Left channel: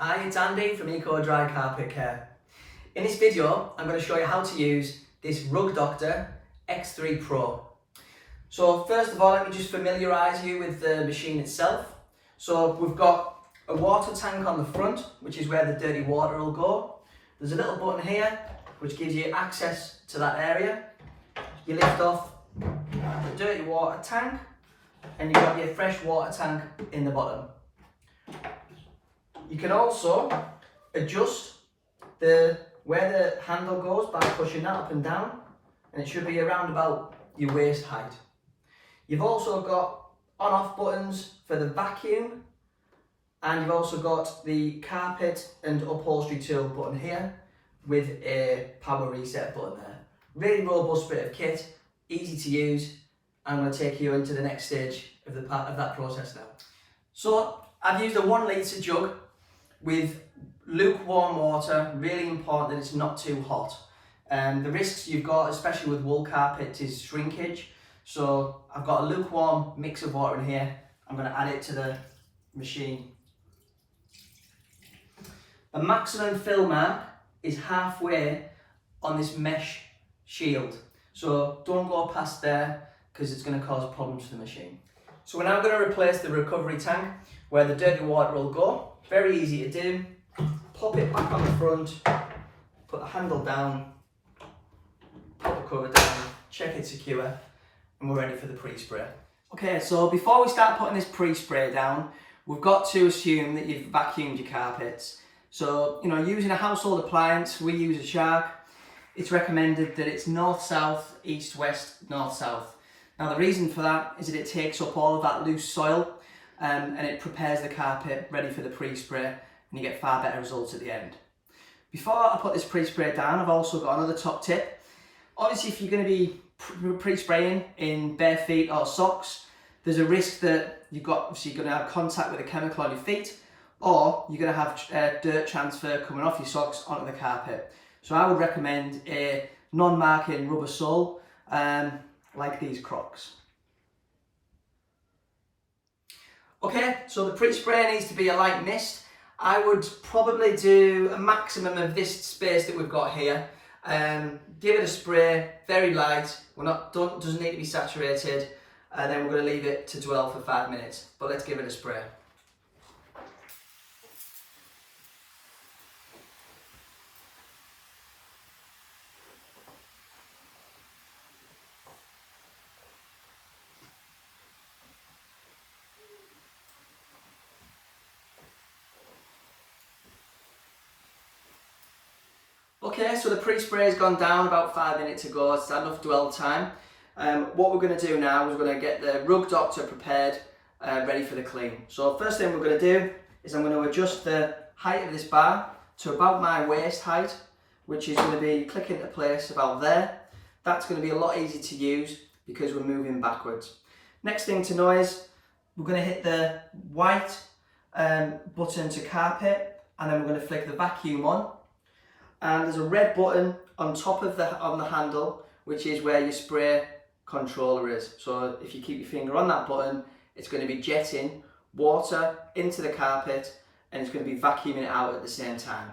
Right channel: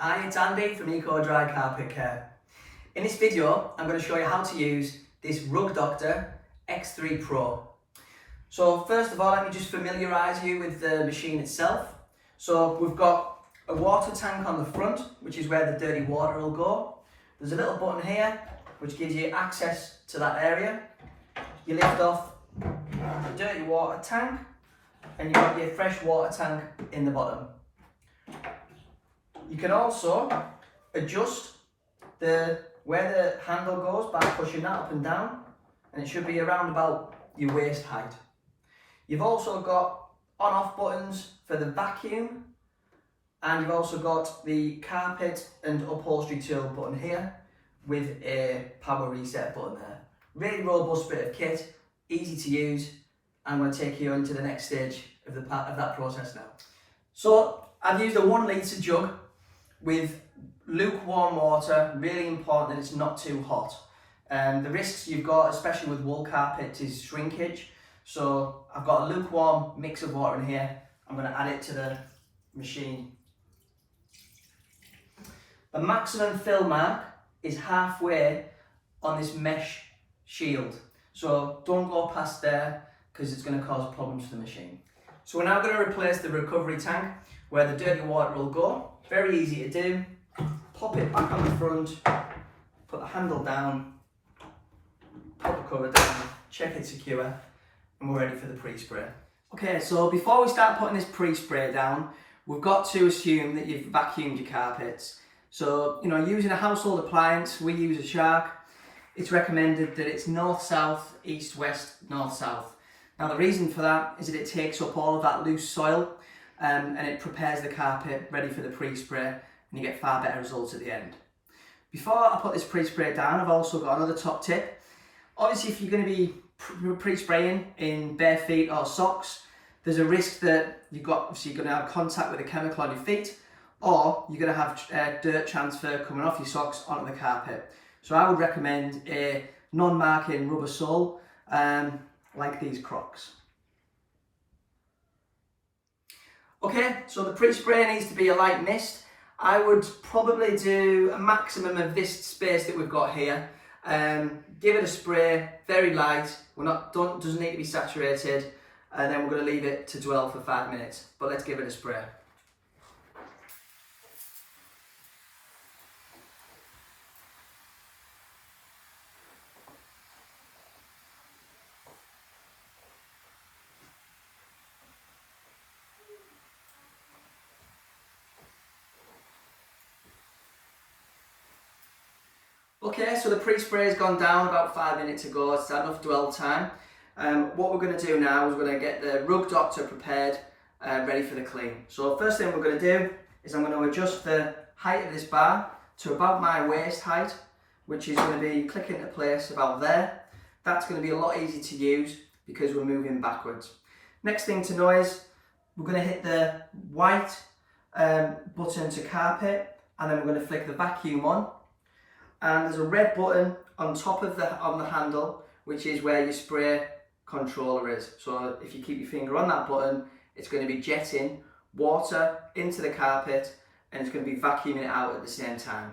Hi, it's Andy from Eco Dry Carpet Care. In this video, I'm going to show you how to use this Rug Doctor X3 Pro. So first of all, let me just familiarise you with the machine itself. So we've got a water tank on the front, which is where the dirty water will go. There's a little button here, which gives you access to that area. You lift off the dirty water tank, and you've got your fresh water tank in the bottom. You can also adjust where the handle goes by pushing that up and down, and it should be around about your waist height. You've also got on-off buttons for the vacuum, and you've also got the carpet and upholstery tool button here with a power reset button there. Really robust bit of kit, easy to use. I'm going to take you into the next stage of that process now. So I've used a 1 litre jug with lukewarm water. Really important that it's not too hot. The risks you've got, especially with wool carpet, is shrinkage. So I've got a lukewarm mix of water in here. I'm going to add it to the machine. The maximum fill mark is halfway on this mesh shield. So don't go past there because it's going to cause problems for the machine. So we're now going to replace the recovery tank where the dirty water will go. Very easy to do. Pop it back on the front, put the handle down, put the cover down, check it's secure, and we're ready for the pre-spray. Okay, so before we start putting this pre-spray down, we've got to assume that you've vacuumed your carpets. So, using a household appliance, we use a Shark. It's recommended that it's north-south, east-west, north-south. Now the reason for that is that it takes up all of that loose soil and it prepares the carpet ready for the pre-spray, and you get far better results at the end. Before I put this pre-spray down, I've also got another top tip. Obviously, if you're going to be pre-spraying in bare feet or socks, there's a risk that you're going to have contact with a chemical on your feet, or you're going to have dirt transfer coming off your socks onto the carpet. So I would recommend a non-marking rubber sole like these Crocs. Okay, so the pre-spray needs to be a light mist. I would probably do a maximum of this space that we've got here. Give it a spray, very light. Doesn't need to be saturated, and then we're going to leave it to dwell for 5 minutes. But let's give it a spray. Okay, so the pre-spray has gone down about 5 minutes ago. It's enough dwell time. What we're going to do now is we're going to get the Rug Doctor prepared, ready for the clean. So first thing we're going to do is I'm going to adjust the height of this bar to about my waist height, which is going to be click into place about there. That's going to be a lot easier to use because we're moving backwards. Next thing to know is we're going to hit the white button to carpet, and then we're going to flick the vacuum on. And there's a red button on top of the handle, which is where your spray controller is. So if you keep your finger on that button, it's going to be jetting water into the carpet, and it's going to be vacuuming it out at the same time.